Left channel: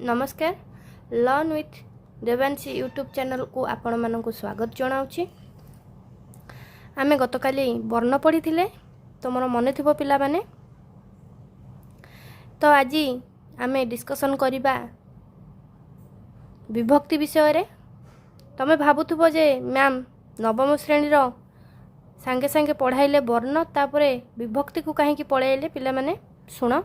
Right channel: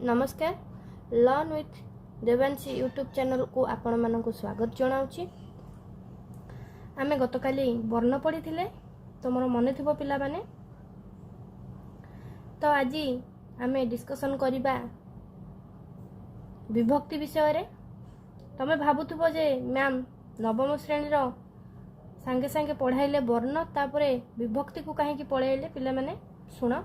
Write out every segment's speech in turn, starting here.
नमस्कार learn with Devanshi YouTube channel को आपण मानक स्वागत जनाऊँगी। आमे गतकाली वर्ण पढ़ी थे तुम मन थी पिला माने तो आज आमे डिस्कसन करिबा विभक्ति विषय रे। तमे भाबुथुबो जे मैम नवम श्रेणी सांगे सांगे पढ़ाइले वर्ण तापरे विभक्ति को कहीं पढ़ाइले पिला माने शुण।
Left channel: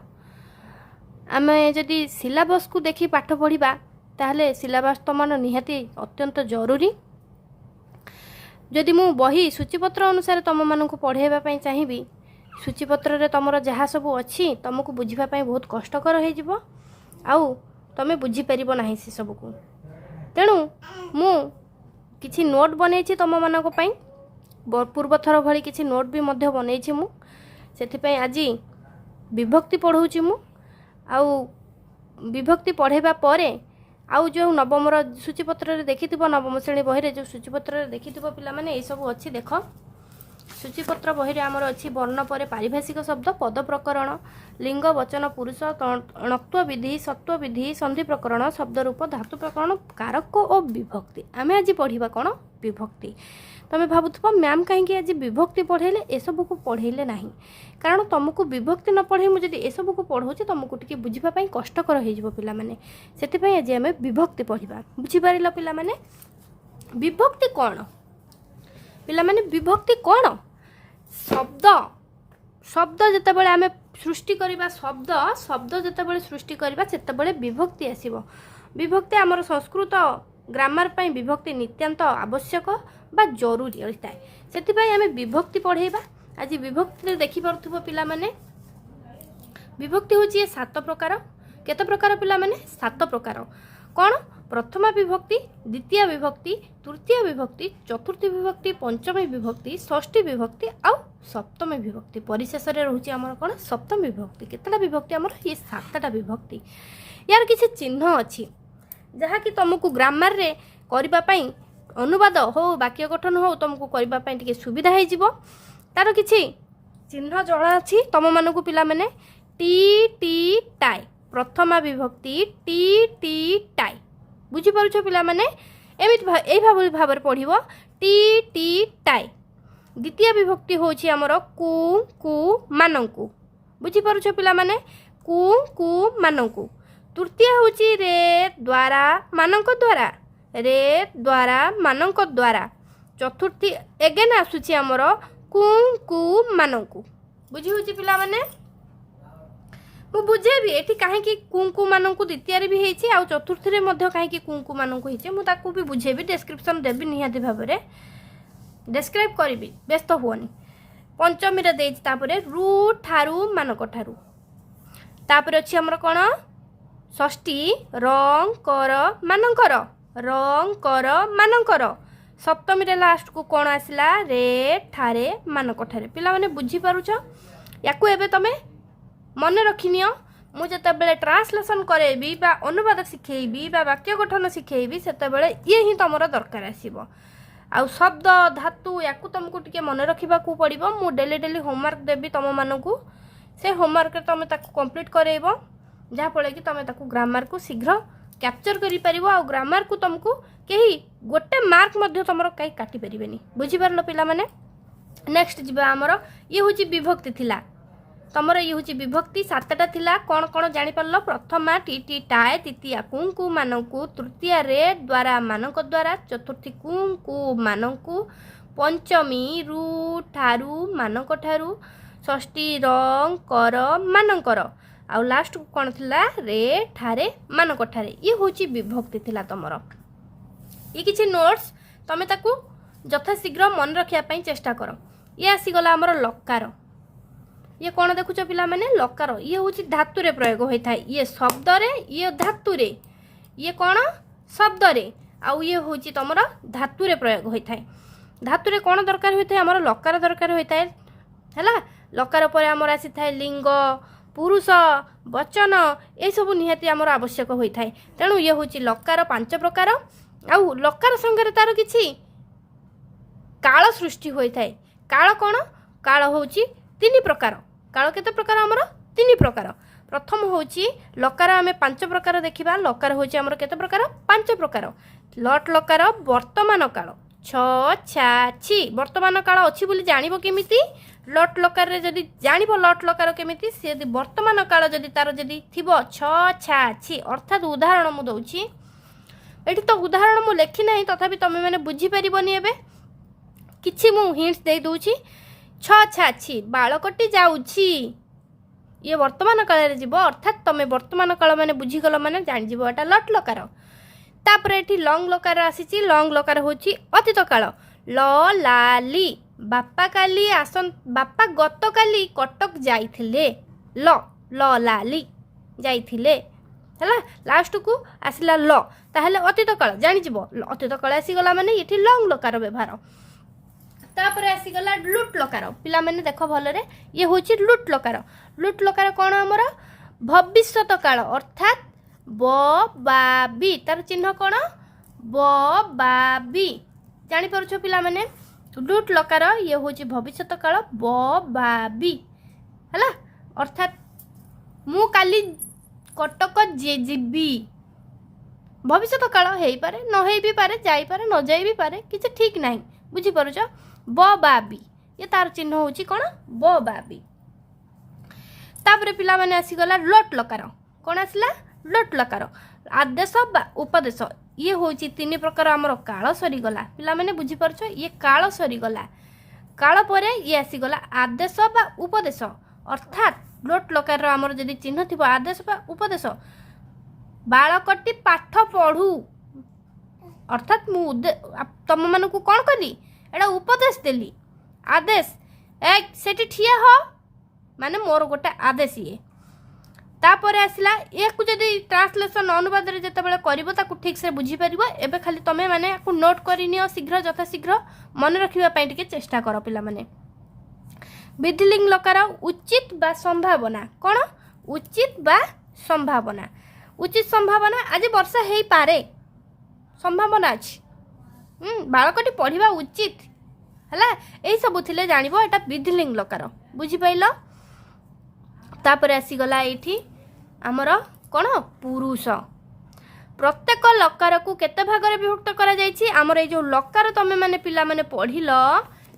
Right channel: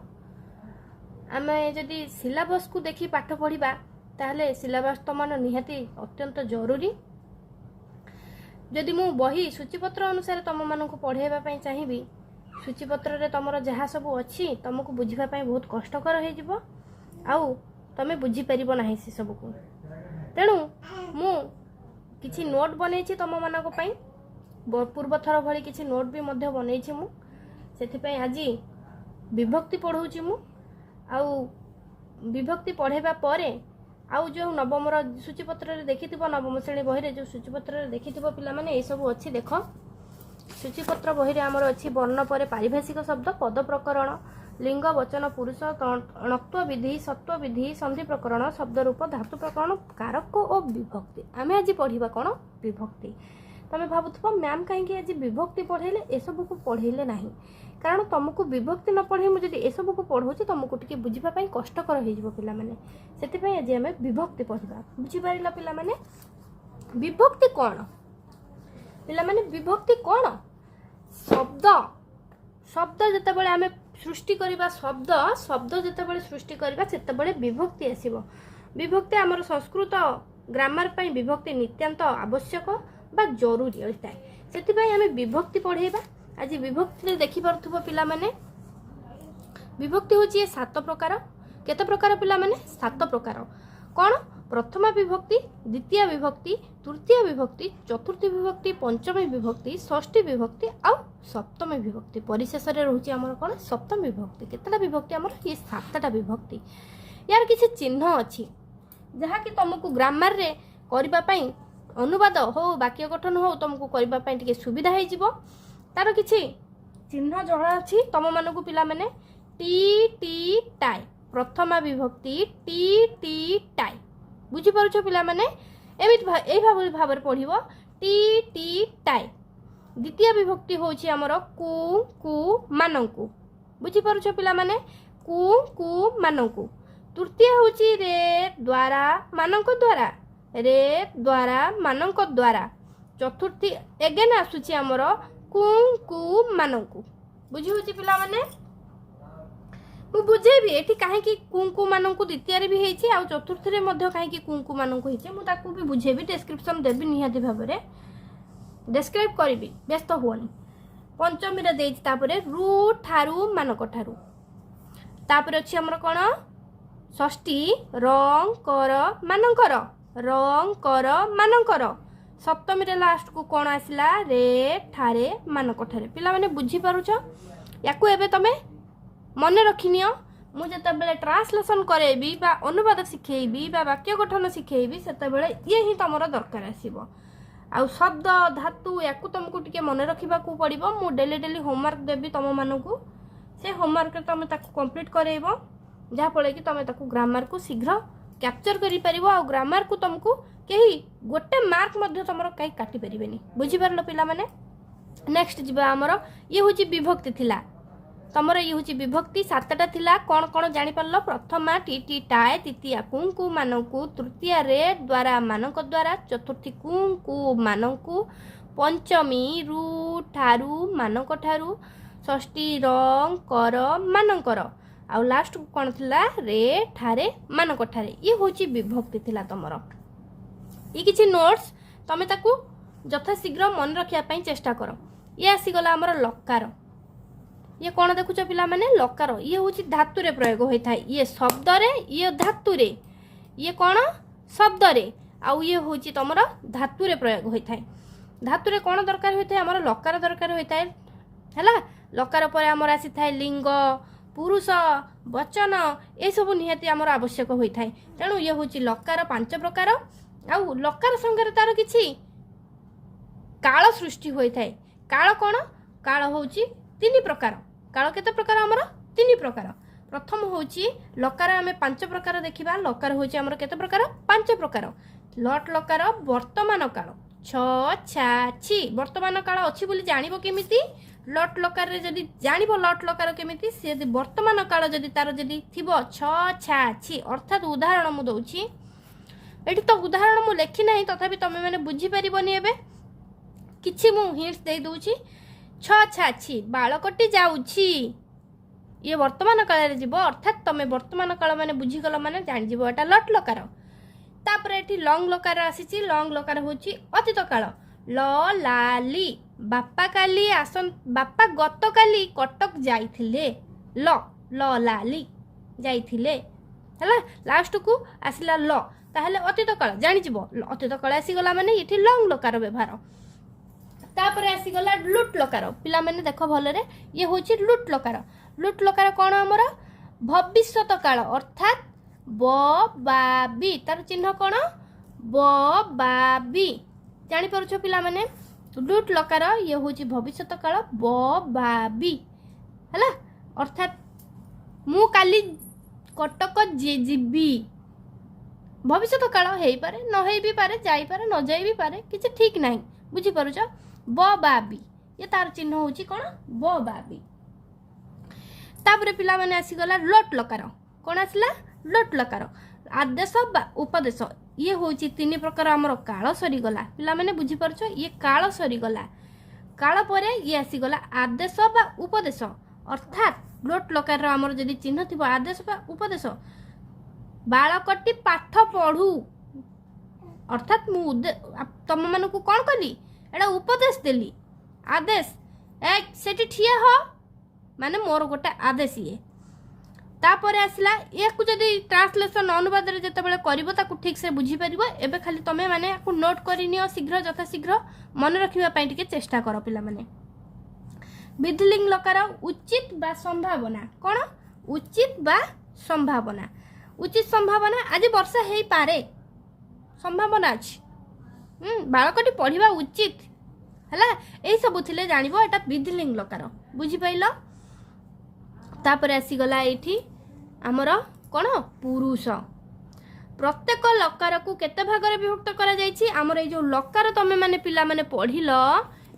आमे जदि सिलेबस को देखि पाठ पढ़िबा ताहले सिलेबस तो मन निहाती अत्यंत जरूरी। जदि मु बही सूचीपत्र अनुसार तुम मानक पढ़ाइबा पई चाहिबी सूचीपत्र रे तुमर जहाँ सब अच्छी तुमको बुझिबा पई बहुत कष्टकर हो जिवो आउ तमे बुझी परिबो नाही से सब को। तेणु मु किछि नोट बनेछि तुम मानक पई पूर्व थर भली किछि नोट भी मध्य बनेछि मु सेथि पई आज विभक्ति पढ़ौछि मु। आउ विभक्ति पढ़ेबा परे आउ जो नवम सूचीपत्र देखि नवम श्रेणी बही जो सूचीपत्र देखि पिला माने ए सब अच्छी देख। सूचीपत्र बही आमर अच्छी वर्ण पर पारिभाषिक शब्द पद प्रकरण लिंग वचन पुरुष अणत्व विधि सत्व विधि संधि प्रकरण शब्द रूप धातु प्रकरण कारक और विभक्ति। आमे आज पढ़िबा कोन विभक्ति। तमे भाबुथबो मैम कहीं आज विभक्ति पढ़ेले ए सब को पढ़ेले नहीं कारण तुमको विभक्ति न पढ़े मुझे ए सब को पढ़ाऊँ तुमको टी बुझा कष्टकर हो पिला माने सेतिपई आज आमे विभक्ति पढ़िबा। बुझी पारिल पिला माने विभक्ति कौन पिला माने विभक्ति कौन शब्द शब्द जितेबाला आमे सृष्टि करिबा शब्द शब्द जितेबाला सृष्टि करिबा सेतेबाला विभक्ति आसीबो। विभक्ति आमर संस्कृत ग्रामर पई विभक्ति नित्यांत आवश्यक बा जरूरी होता है सेतिपई आमे विभक्ति पढ़ेबा। आज विभक्ति देखि परथुबो पिला माने विभक्ति होची ये 7 प्रकार। केते प्रकार पिला माने 7 प्रकार कौन प्रथमा विभक्ति द्वितीय विभक्ति तृतीय विभक्ति चतुर्थी विभक्ति पंचमी विभक्ति षष्ठी विभक्ति और सप्तमी विभक्ति परिशेष रे रहूची हमर कोन सप्तमी विभक्ति। केतला विभक्ति हमर ये 7टा विभक्ति। यार किसी चिन्ह अछि जहा कि तुमको ग्रामर रे करबा पई अनुवाद हो वाक्य गठन हो तुमको करबा पई टिके सुविधा हे जिवो। तार किछि चिन्ह जणा अछि तुम मानकु पिला माने टी टी टाई प्रथमा विभक्ति टी टी टाई बुझी पारुछ पिला माने एमित ए भाबर पढ़िबो टी टी टाई। द्वितीय विभक्ति होछि हमर कु कु मानंकु बुझी पारुछ पिला माने कु कु मानंकु। तृतीय होछि रे द्वारा मानंक द्वारा रे द्वारा मानंक द्वारा। चतुर्थी एगेन आसुछि हमर कु कु मानंकु बुझी होछि पिला माने मु बुझेबी एठी काहे कि कुंकु मानंकु द्वितीय रे भी हेछि आ चतुर्थी रे मध्ये काहे कि कुंकु मानंकु हेछि मु ताकू भी बुझेबी डिस्क्रिप्शन देबी निहाती भाबरे डिस्क्राइब करबी व्यस्त होनी। पंचमी रे देछि तापरे रु ठारू मानक ठारू तापरे अछि हमर कोन षष्ठी रंग कर मानंकर रंग कर मानंकर। सप्तमी रे लास्ट को कौन आसला रे ठारे मानक ठारे। पिला माने बुझी पारुछ याकू एबे तमे मन रखिनियो मु जते बेले ट्रांसलेशन करेबी बा अनुवाद सिखेबी बा वाक्य गठन सिखेबी सेते बेले ये ही तमरा दरकार आसीबो। आ शब्द धातु याकू तुमको टिके मन रखिबा को पड़िबो। मु डेली डेली होमवर्क देबी तम मानकू से होमवर्क तमे ताकू कंप्लीट करेइबो जहा फळे कि तमे ताकू ग्रामर को शीघ्र कैप्चर करि परिबो। आ ग्रामर को तुमको केही गोटे मार्क मध्य तुमरो काई काटी परिबेनी बुझी पारलो पिला माने। नेक्स्ट जिबा हमरो ये होची विभक्ति थिला तमरो ये होची विभक्ति 7टा थिला कोन कोन जानि परलो प्रथमा टी टी टाए तृतीय कुंकु मानंकु तृतीय रे द्वारा मानंक द्वारा चतुर्थी कुंकु मानंकु पंचमी रु ठारू मानंक ठारू षष्ठी रंग कर मानंकर आ लास्ट कोन थिला रे ठारे मानक ठारे। ये होची विभक्ति थिला तमरो। ये किछि नोट्स तमे ताकू यथा शीघ्र मन रखिया पई चेष्टा करो। ये आसीगला हमर लकार ये कौन देखुच पिला माने लकार ये होची धातु रे प्रयोग होई थाए ये शब्द रे ये धातु रे ये कौन शब्द रे आउ ये होची तमर धातु रे प्रयोग होई थाए। धातु रे कौन दरकार होई थाए हमर लकार दरकार होई थाए हैला। लकार पर हमर आसी थाए लिंग पुरुष वचन ए सब निहाती हमर आवश्यक होई थाए। तेणु ये होची लकार 5 प्रकार आउ लकार संगे तार किछि काल सृष्टि होई थाए। काल कौन काल होची 3 प्रकार काल केते प्रकार हमर 3 प्रकार प्रथम होची लकार आमे 5 प्रकार देखिबा लकार होची हमर केते प्रकार 5 प्रकार लट लकार वर्तमान काल छ छा छि वर्तमान काल अछि बोली जानिबो केमिति लट लकार रे जदी जानिबो लट लकार केमिति से यदि वर्तमान काल जदी तार जदी थिबो छ छा छि अर्थात उदाहरण मु दउछि एठी तो उदाहरण मु लेखि नाही तथापि तमे माने बुझी परिबोनी एबे किछि मु हिंट्स दे दउछि छ छा छि बाळ कटि जाउछि ये वर्तमान काल रे जीवो अर्थात तमे वर्तमान काल माने बुझी गलो माने जानि जीवो एटा लट लकार तापर एठी लॉन्ग लकार आसीची लॉन्ग लकार होची अतीत काल ल लाली बापा काली आसन बापा गत काली कटक जाइथिले ल ल लाली जाइथिले हला लास्ट को आसिला ल ताहले अतीत काल जानि जीवो अतीत काल आसी गला माने एठी लॉन्ग लकार व्यवहार तापर आसी गला लुट लकार पिला माने देखो भले रे ये होची लुट लकार कोन हमर भविष्यत काल अर्थात ब बा बी तार चिन्ह कोन ब बा बी जानि परछो पिला माने लुट लकार ये होची भविष्यत काल ब बा बी हला अर्थात मु काली कटक जे जीबी भविष्यत काल हेई पारे न हेई भी पारे जाई पारे न जाई भी पारे किछ ठीक नाही बुझी परछो ब बा बी ये तार चिन्ह होची कोन ब बा बी तापरे पिला माने आसी गला लट लकार कोन आसला लट लकार आदेश बा उपदेश ये होची 3 प्रकार हमर काल सरी गला पिला माने बुझी परछो ये काल सरी गला काल परे ये आसी गला आदेश बा उपदेश अर्थात लट लकार रो हमर जदी चिन्ह थिबो आदेश बा उपदेश बाळकटी पाठ पढू अर्थात मु तम माने को कोन कली एडा उपदेश देली आदेश एक सेठी ठिया हो माने मोर गोटे आदेश ये तापर आसला एक जदि ट्रांसलेशन अनुवाद रे जते बेले करबो ताकू ठीक से बुझी परिबो एबे खाली तमे माने को नोट करिनियो शीघ्र यथा शीघ्र मन रखिबा पई टिके चेष्टा करो पिला माने विधिलिंग लकार उचित बा संभावना कोन उचित बा संभावना उचित संभावना आज वर्षा हेई पारे संभावना अछि बाळकटी पढिबा उचित हला एई सब थिले जानिबो एटा विधिलिंग लकार बुझी पाइलो तापर आसी गला एठी हमर कोन पुरुष प्रत्येक लकार को केते भाग रे विभक्त करा जायछि हमर ए जो लकार तमे माने पिला माने पढिलो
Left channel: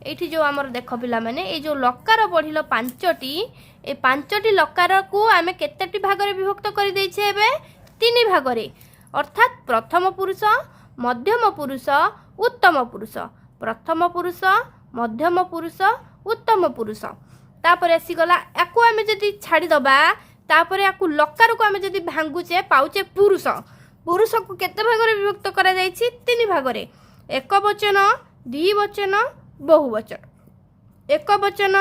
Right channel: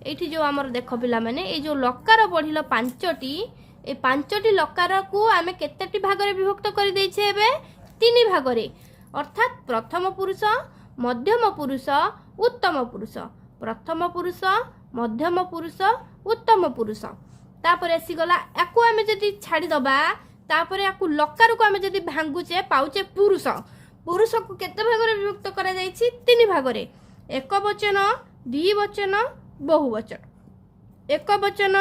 एठी जो हमर देखो पिला माने ए जो लकार पढिलो 5टी ए 5टी लकार को आमे केतेटी भाग रे विभक्त करि दैछे एबे 3 भाग रे अर्थात प्रथम पुरुष मध्यम पुरुष उत्तम पुरुष प्रथम पुरुष मध्यम पुरुष उत्तम पुरुष तापर आसी गला याकू आमे जदी छाडी दबा तापर याकू लकार को आमे जदी भांगुचे पाउचे पुरुष पुरुष को केते भाग रे विभक्त करा जायछि 3 भाग रे एक वचन द्विवचन बहुवचन एक वचन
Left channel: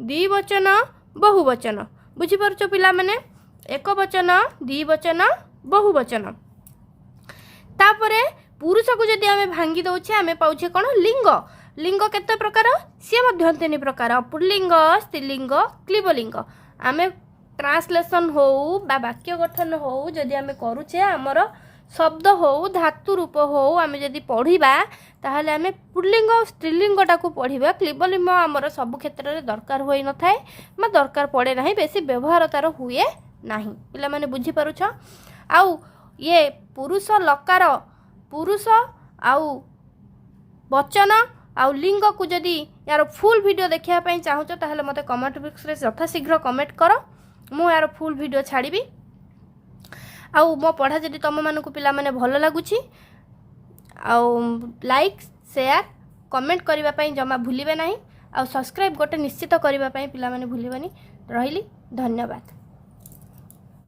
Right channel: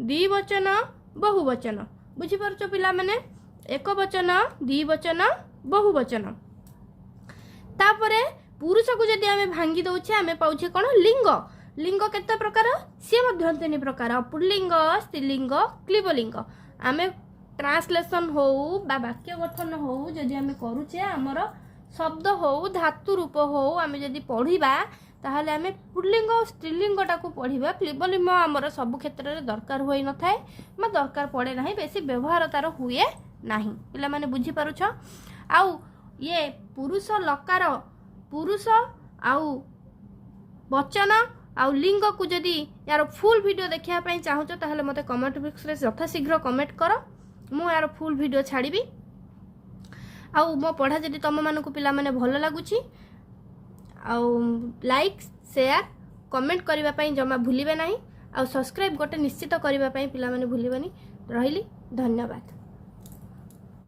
द्विवचन बहुवचन बुझी परछो पिला माने एक वचन द्विवचन बहुवचन तापरे पुरुष को जदी आमे भांगी दउछे आमे पाउछे कोन लिंग लिंग केते प्रकार से मध्य 3 प्रकार पुल्लिंग स्त्रीलिंग क्लीबलिंग आमे ट्रांसलेशन हो बा वाक्य गठन हो जदी आमे करूचे हमर शब्द हो धातु रूप हो आमे जदी पढिबा ताहले आमे पुल्लिंग स्त्रीलिंग टाकू पढिबा क्लीबलिंग हमर सब क्षेत्र रे दरकार होई न थाए म दरकार पड़े नाही बेसी व्यवहार तार हुए नाही पिला माने बुझी पारुछ आउ ये पुरुष लकार पुरुष आउ वचन आउ लिंग को जदी यार फुल वीडियो देखिया पई चाहू छ ताहले मते कमेंट बॉक्स रे यथा शीघ्र कमेंट करो मु यार फुल वीडियो छाड़ीबी आउ मो पढ़ा जदी तम मानकु पिला माने भलो लागुची आउ लाइक शेयर कमेंट करिबा पई जमा भूलिबे नाही आउ सब्सक्राइब गोटे निश्चित करिबा पई पिला माने भूलिबेनी रहिली धन्यवाद।